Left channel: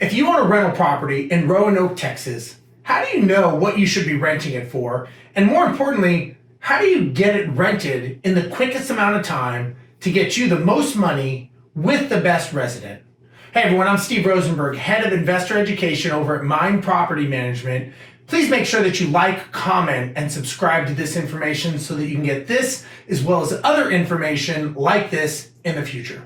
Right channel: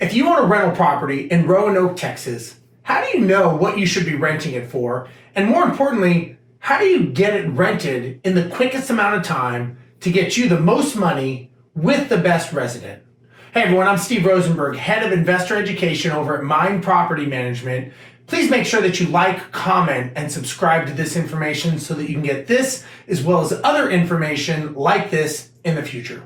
If you own a rental property in Roanoke, Texas, how do you know what you should be renting it for? And more importantly, how do you get it rented in the quickest amount of time to get you the most money with the best resident? Hey everyone, I'm Steve Rosenberg, Head of Investor Education over at Mynd Property Management. Please make sure that you like, comment, and subscribe to this information so that you can get this as well as other information like this in the future.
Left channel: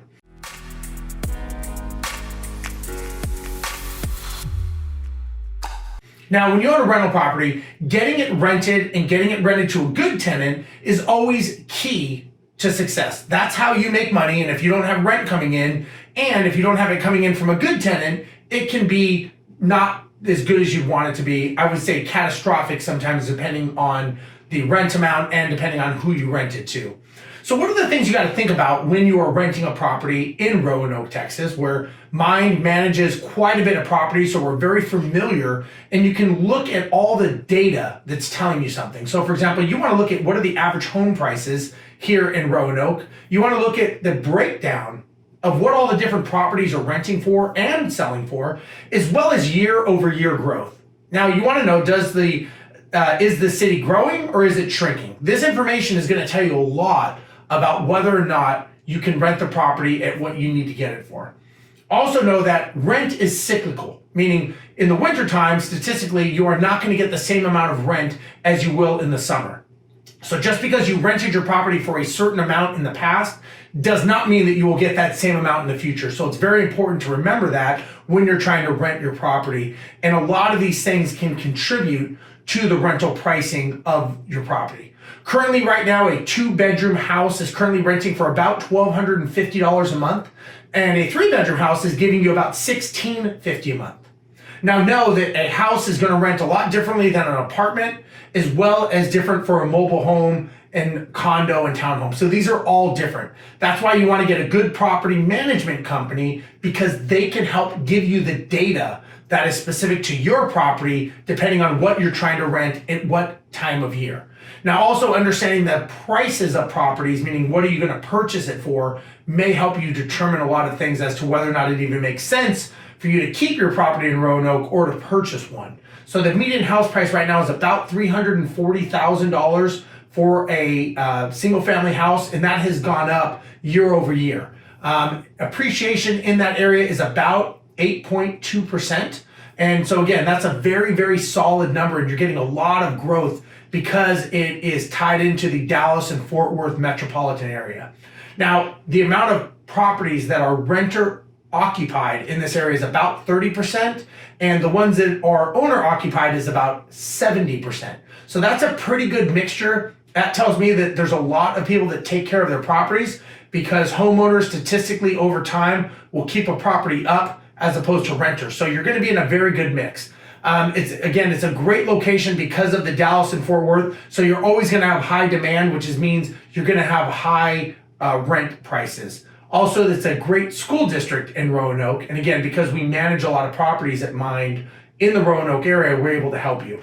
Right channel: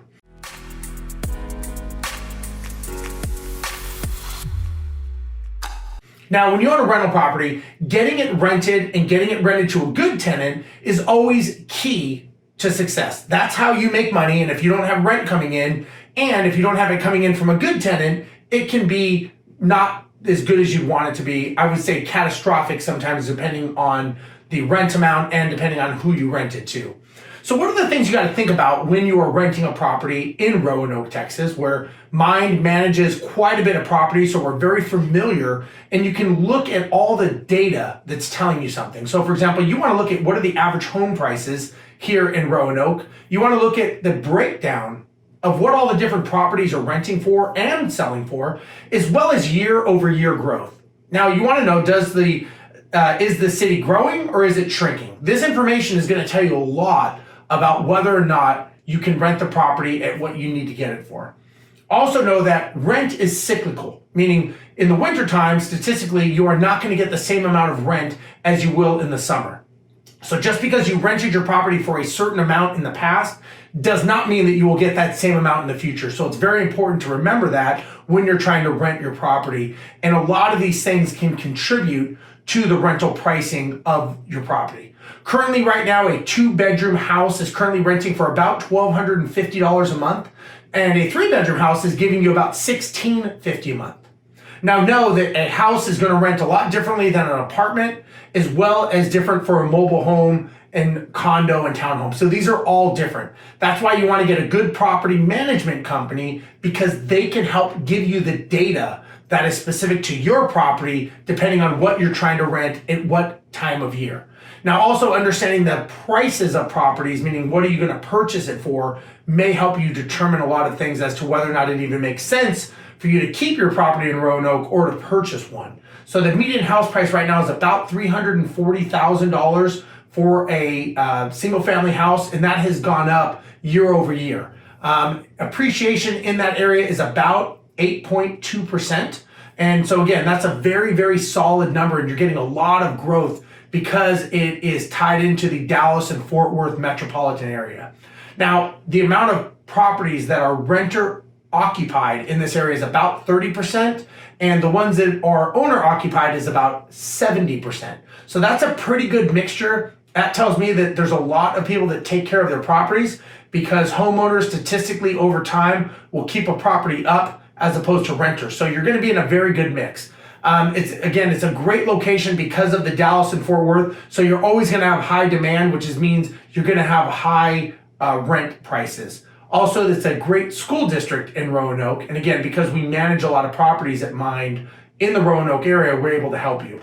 Now, when you own a rental property, getting it rented and getting it rented to a good tenant is always key to success. That's how you make money. And if you don't have rent coming in, and if you don't have it coming in from a good tenant, it can be not as good as you want it to be. I would say catastrophic sometimes, depending on the rent amount and depending on who you rent it to. So what are the things you got to think about when you are renting a property in Roanoke, Texas, where Mynd manages quite a bit of property, so we're very familiar, and you can look at all the data that's telling you something. So for example, you want to look at what are the average home prices here in Roanoke. You want to look at the breakdown of what all the different properties are renting for and selling for, as well as year over year growth. Now you want to know, is the city growing or is it shrinking? This information is going to tell you a lot about whether or not you can rent the property at what you need to get it for. Also know that rent is cyclical, meaning in the wintertime, statistically, you are not going to get the same amount of rent as you will in the summer. So just because you rented your property for a certain amount in the past does not mean that you will get that same amount in the future. So it's very important to remember that when you're trying to rent your property. And a lot of these things can contribute to the rental pricing of your property. Currently, right now, a 2-bedroom house is currently renting for about $1,250 a month, and a 3-bedroom house is giving you about $1,650 a month. Now, know that a house is going to rent a lot differently than an apartment, as well as different for a mobile home and condo and townhome. So these are all different. That's why you want to get a good property management company, because they can help give you the data that is specific to your property, depending on what you're trying to rent at what time of year. Now, also understanding the prices of properties, meaning what are you going to purchase it for, may help you determine a lot of things as to whether or not it even makes sense for you to keep your property in Roanoke or to purchase one. So the median house price right now is about $340,000 for a single family house, and that has gone up year over year. Appreciation in that area is about 8.2%. And so again, that's a very, very solid number, and you're getting a lot of growth because it is tied into the Dallas and Fort Worth metropolitan area. Now, the amount of properties that are renter occupied in this area is about 30%, and the ones that are owner occupied is about 70%. So that's a pretty good mixture. That tells me that there's a lot of people that take care of their properties, because homeowners statistically over time will keep a property up as opposed to renters. So you're going to be in a very good mix. It's a great location because of the Dallas and Fort Worth. So you're always going to have high demand, which means you're going to have high rent prices. Also, it's a great school district in Roanoke. And again, because we manage a lot of properties at Mynd in the Roanoke area, we're able to help you.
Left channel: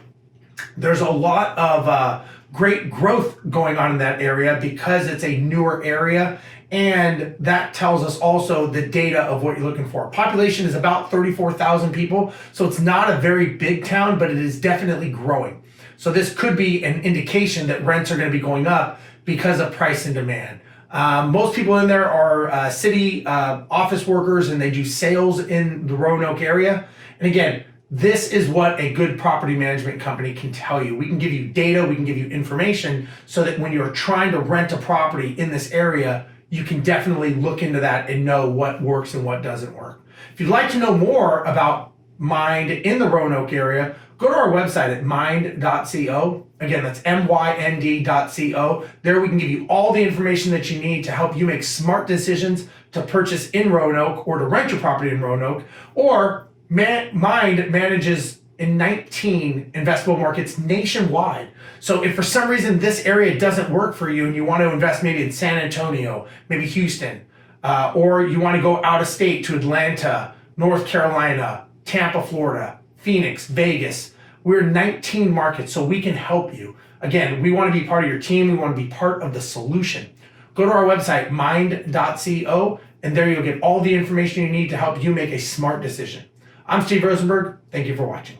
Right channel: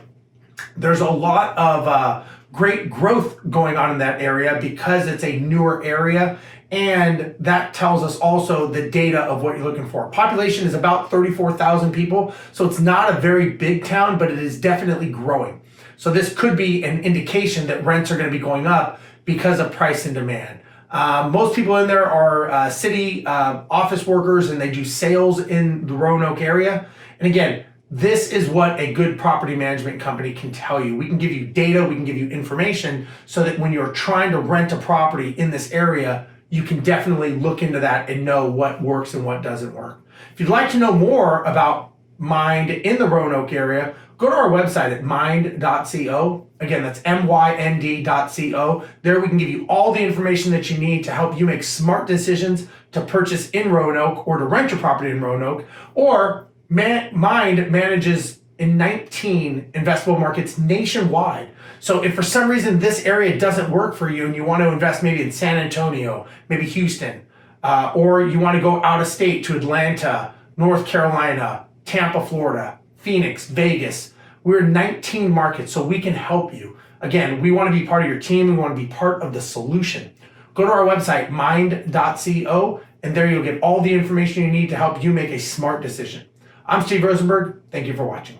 There's a lot of great growth going on in that area because it's a newer area. And that tells us also the data of what you're looking for. Population is about 34,000 people, so it's not a very big town, but it is definitely growing. So this could be an indication that rents are going to be going up because of price and demand. Most people in there are city office workers, and they do sales in the Roanoke area. And again, this is what a good property management company can tell you. We can give you data, we can give you information, so that when you're trying to rent a property in this area, you can definitely look into that and know what works and what doesn't work. If you'd like to know more about Mynd in the Roanoke area, go to our website at mynd.co. Again, that's mynd.co. There we can give you all the information that you need to help you make smart decisions to purchase in Roanoke or to rent your property in Roanoke. Or Mynd manages in 19 investable markets nationwide. So if for some reason this area doesn't work for you and you want to invest maybe in San Antonio, maybe Houston, or you want to go out of state to Atlanta, North Carolina, Tampa, Florida, Phoenix, Vegas, we're in 19 markets, so we can help you. Again, we want to be part of your team. We want to be part of the solution. Go to our website, mynd.co, and there you'll get all the information you need to help you make a smart decision. I'm Steve Rosenberg. Thank you for watching.